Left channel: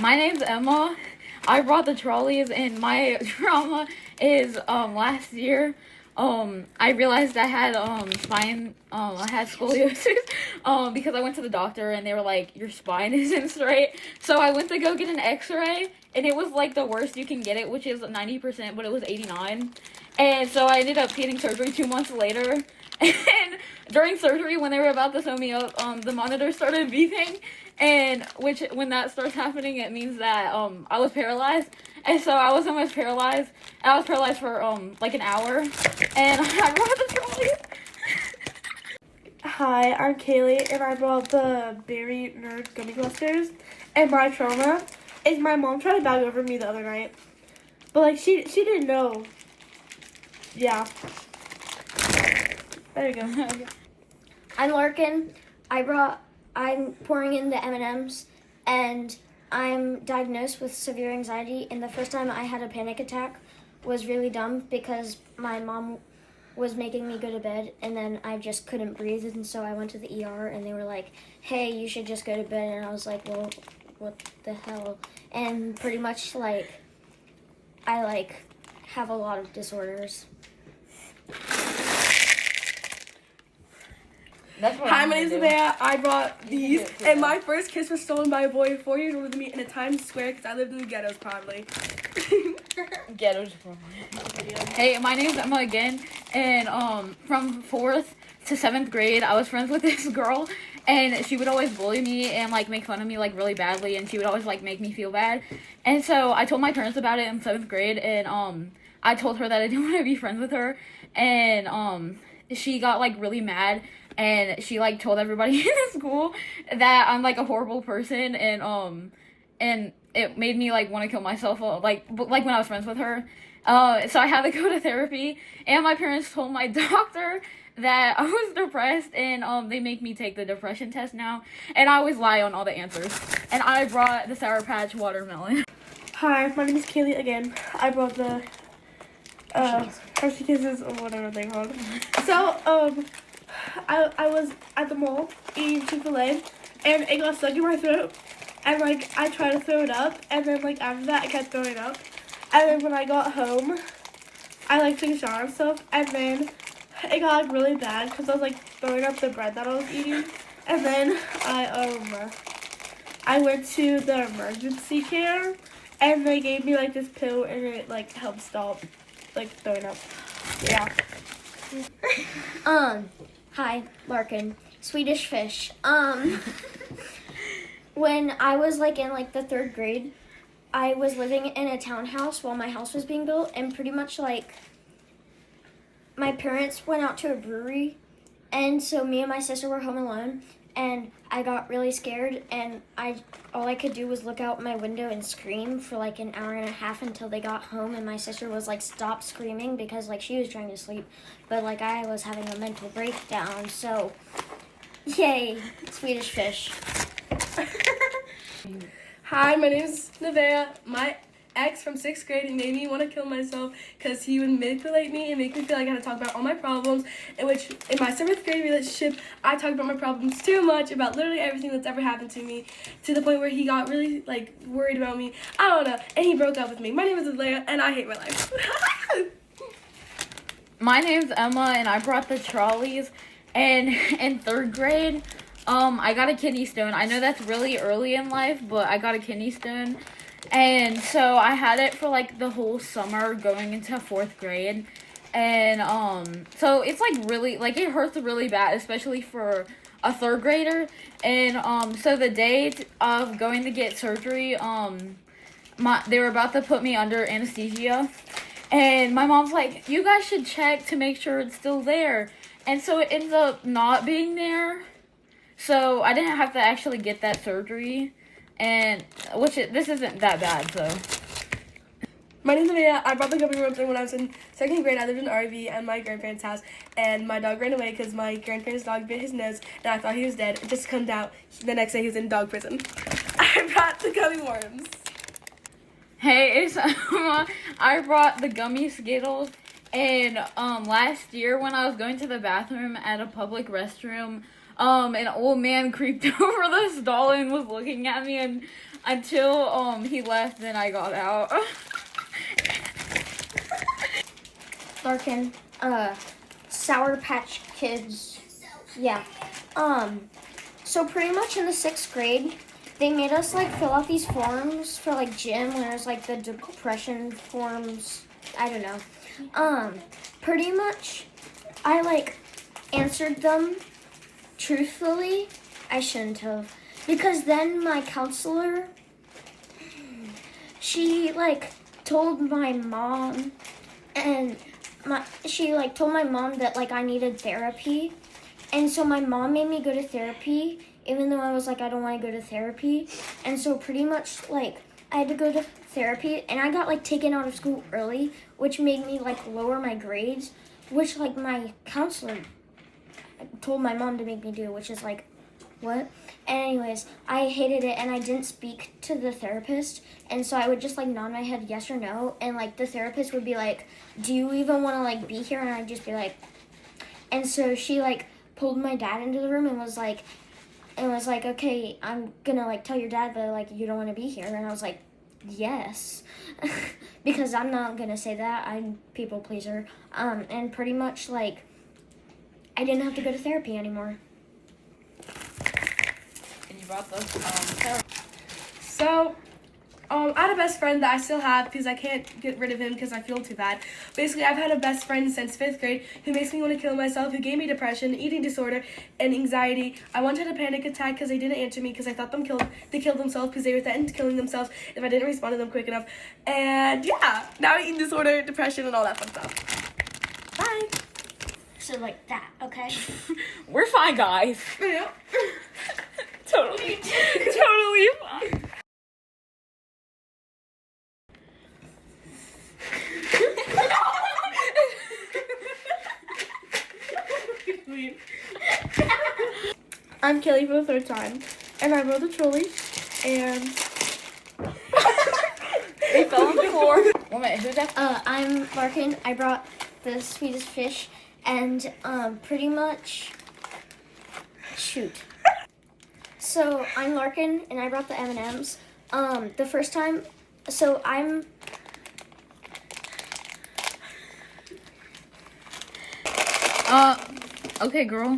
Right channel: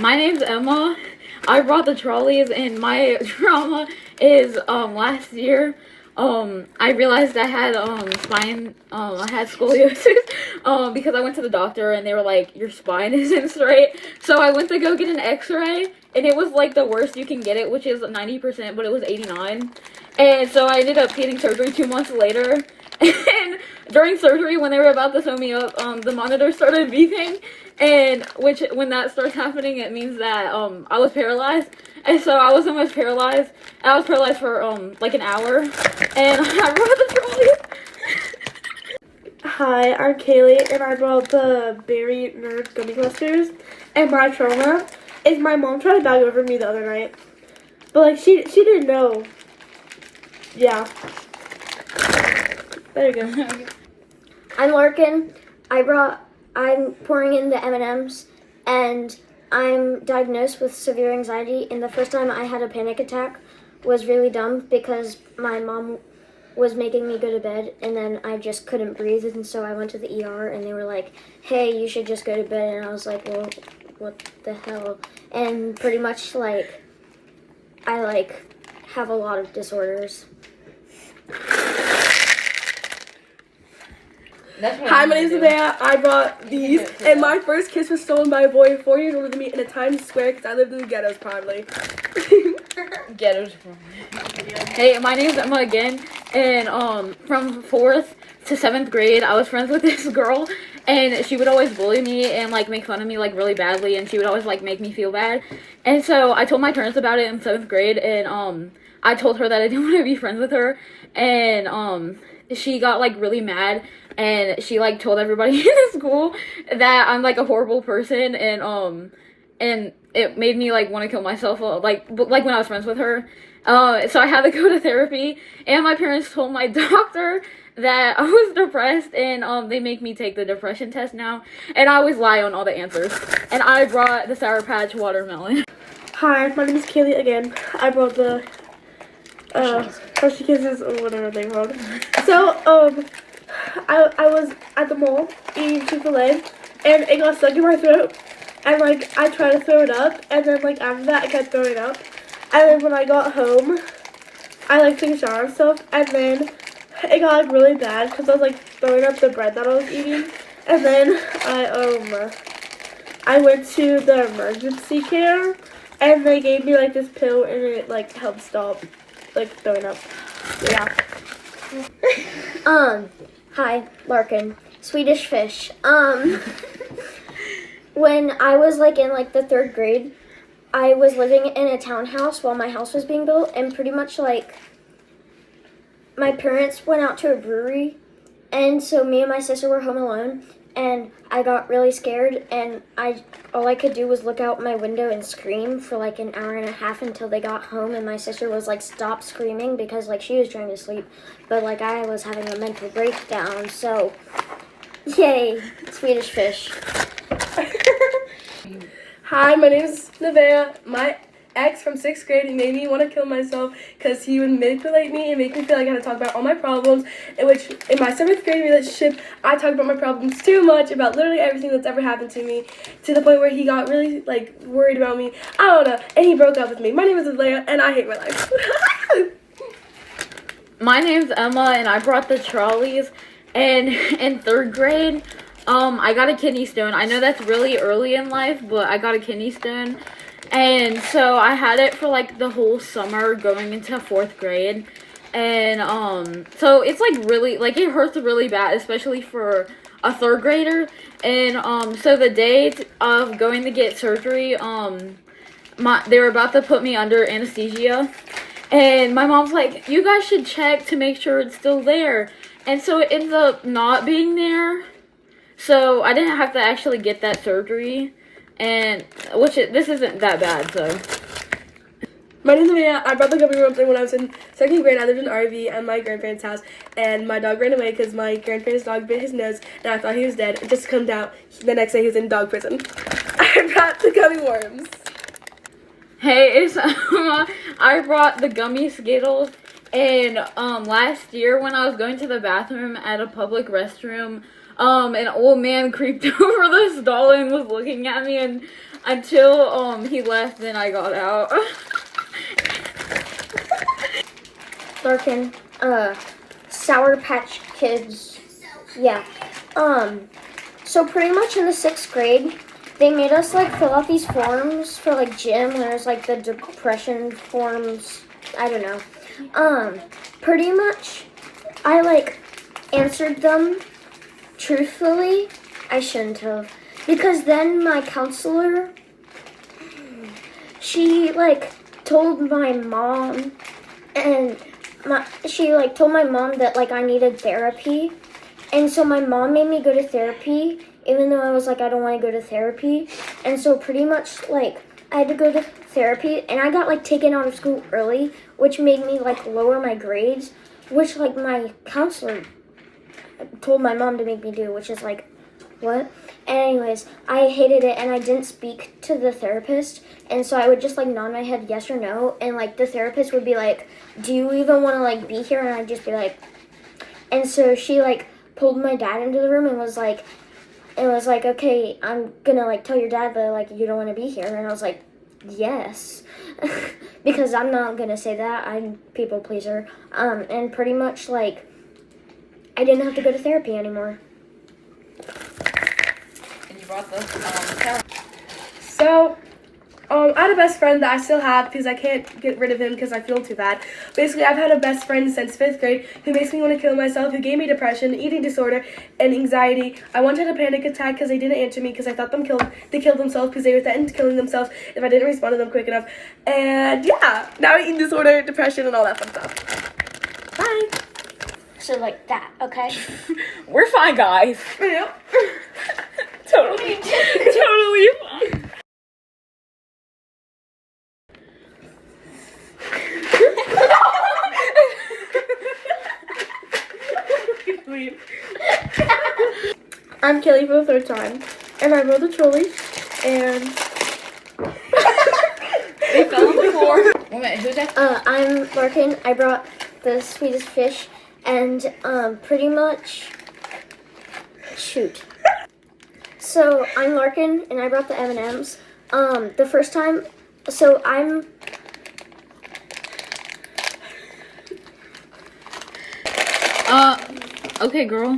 My name's Emma. I brought the trolleys, and my trauma is last year I realized I had I had scoliosis because I went to the doctor and they were like, your spine isn't straight. So I went to go get an x-ray, and it was like the worst you can get it, which is 90%, but it was 89. And so I ended up getting surgery 2 months later. And during surgery, when they were about to sew me up, the monitor started beeping, and when that started happening, it means that I was paralyzed. And so I was almost paralyzed. I was paralyzed for like an hour, and I brought the trolley. Hi, I'm Kaylee, and I brought the Berry Nerds gummy clusters. And my trauma is my mom tried to bag over me the other night, but like she didn't know. Yeah. There you go. I'm Larkin. I'm pouring in the M&Ms, and I'm diagnosed with severe anxiety. And the first time I had a panic attack was really dumb because my mom was making me go to bed, and then I just couldn't breathe, and so I went to the ER, and they were like, hey, you should just go to bed. And I was like, well, what the hell? And pretty much like I have a lot of disorders. Hi, my name is Savannah. I brought these, and my first kiss was stolen by a boy 4 years older than me in a Times Square because I lived in the ghettos, probably. Ghettos. Hey, my name is Emma again, and from 4th to 7th grade, I was friends with this girl, and she would always bully me and like make fun of me like really badly, and she would always like make me feel bad. And so I told my parents about it in 7th grade, and I told her that I didn't want to be friends with her, and she got like really mad, and she like told everybody in the school that I'm like a horrible person, and it made me like want to kill myself, like when I was friends with her. So I had to go to therapy, and my parents told my doctor that I was depressed, and they make me take the depression test now, and I always lie on all the answers. And I brought the Sour Patch watermelon. Hi, my name is Kaylee again. I brought the Hershey Kisses or whatever they're called. So I was at the mall eating Chick-fil-A, and it got stuck in my throat, and like I tried to throw it up, and then like after that I kept throwing up, and then when I got home I like took a shower and stuff, and then it got like really bad because I was like throwing up the bread that I was eating, and then I went to the emergency care, and they gave me like this pill, and it like helped stop like throwing up. Yeah. Hi, Larkin. Swedish fish. When I was like in like the 3rd grade, I was living in a townhouse while my house was being built, and pretty much like my parents went out to a brewery, and so me and my sister were home alone, and I got really scared, and all I could do was look out my window and scream for like an hour and a half until they got home, and my sister was like, stop screaming, because like she was trying to sleep, but like I was having a mental breakdown. So yay, Swedish fish. Hi, my name is Nevaeh. My ex from 6th grade, he made me want to kill myself because he would manipulate me and make me feel like I had to talk about all my problems, in which in my 7th grade relationship, I talked about my problems too much, about literally everything that's ever happened to me, to the point where he got really like worried about me. I don't know, and he broke up with me. My name is Leia, and I hate my life. My name's Emma, and I brought the trolleys, and in 3rd grade, I got a kidney stone. I know that's really early in life, but I got a kidney stone, and so I had it for like the whole summer going into 4th grade, and so it's like really, like it hurts really bad, especially for a 3rd grader, and so the day of going to get surgery, they were about to put me under anesthesia, and my mom's like, you guys should check to make sure it's still there, and so it ended up not being there. So I didn't have to actually get that surgery, and this isn't that bad, so. My name is Mia. I brought the gummy worms when I was in 2nd grade. I lived in an RV at my grandparents' house, and my dog ran away because my grandparents' dog bit his nose, and I thought he was dead. It just comes out the next day he was in dog prison. I brought the gummy worms. Hey, it's I brought the gummy Skittles, and last year when I was going to the bathroom at a public restroom, an old man creeped over the stall and was looking at me, and until he left, then I got out. Larkin, Sour Patch Kids. Yeah. So pretty much in the 6th grade, they made us like fill out these forms for like gym. There's like the depression forms. I don't know. Pretty much, I like answered them truthfully. I shouldn't have, because then my counselor, she like told my mom, and she like told my mom that like I needed therapy, and so my mom made me go to therapy, even though I was like I don't want to go to therapy, and so pretty much like I had to go to therapy, and I got like taken out of school early, which made me like lower my grades, which like my counselor told my mom to make me do, which is like, what? And anyways, I hated it, and I didn't speak to the therapist, and so I would just like nod my head yes or no, and like the therapist would be like, do you even want to like be here? And I'd just be like, and so she like pulled my dad into the room and was like, okay, I'm gonna like tell your dad that like you don't want to be here. And I was like, yes, because I'm not gonna say that, I'm people pleaser. And pretty much like I didn't have to go to therapy anymore. So, I had a best friend that I still have because I can't get rid of him because I feel too bad. Basically, I've had a best friend since 5th grade who makes me want to kill myself, who gave me depression, eating disorder, and anxiety. I once had a panic attack because they didn't answer me because I thought they killed themselves because they were threatened to killing themselves if I didn't respond to them quick enough. And yeah, now eating disorder, depression, and all that fun stuff. Bye. So like that, okay? We're fine, guys. Yep. Totally fine. I'm Kelly for the 3rd time, and I rode the trolley, and Wait, who's that? I'm Larkin. I brought the sweetest fish, and pretty much, shoot. So I'm Larkin, and I brought the M&Ms. The first time, so I'm. Okay, girl.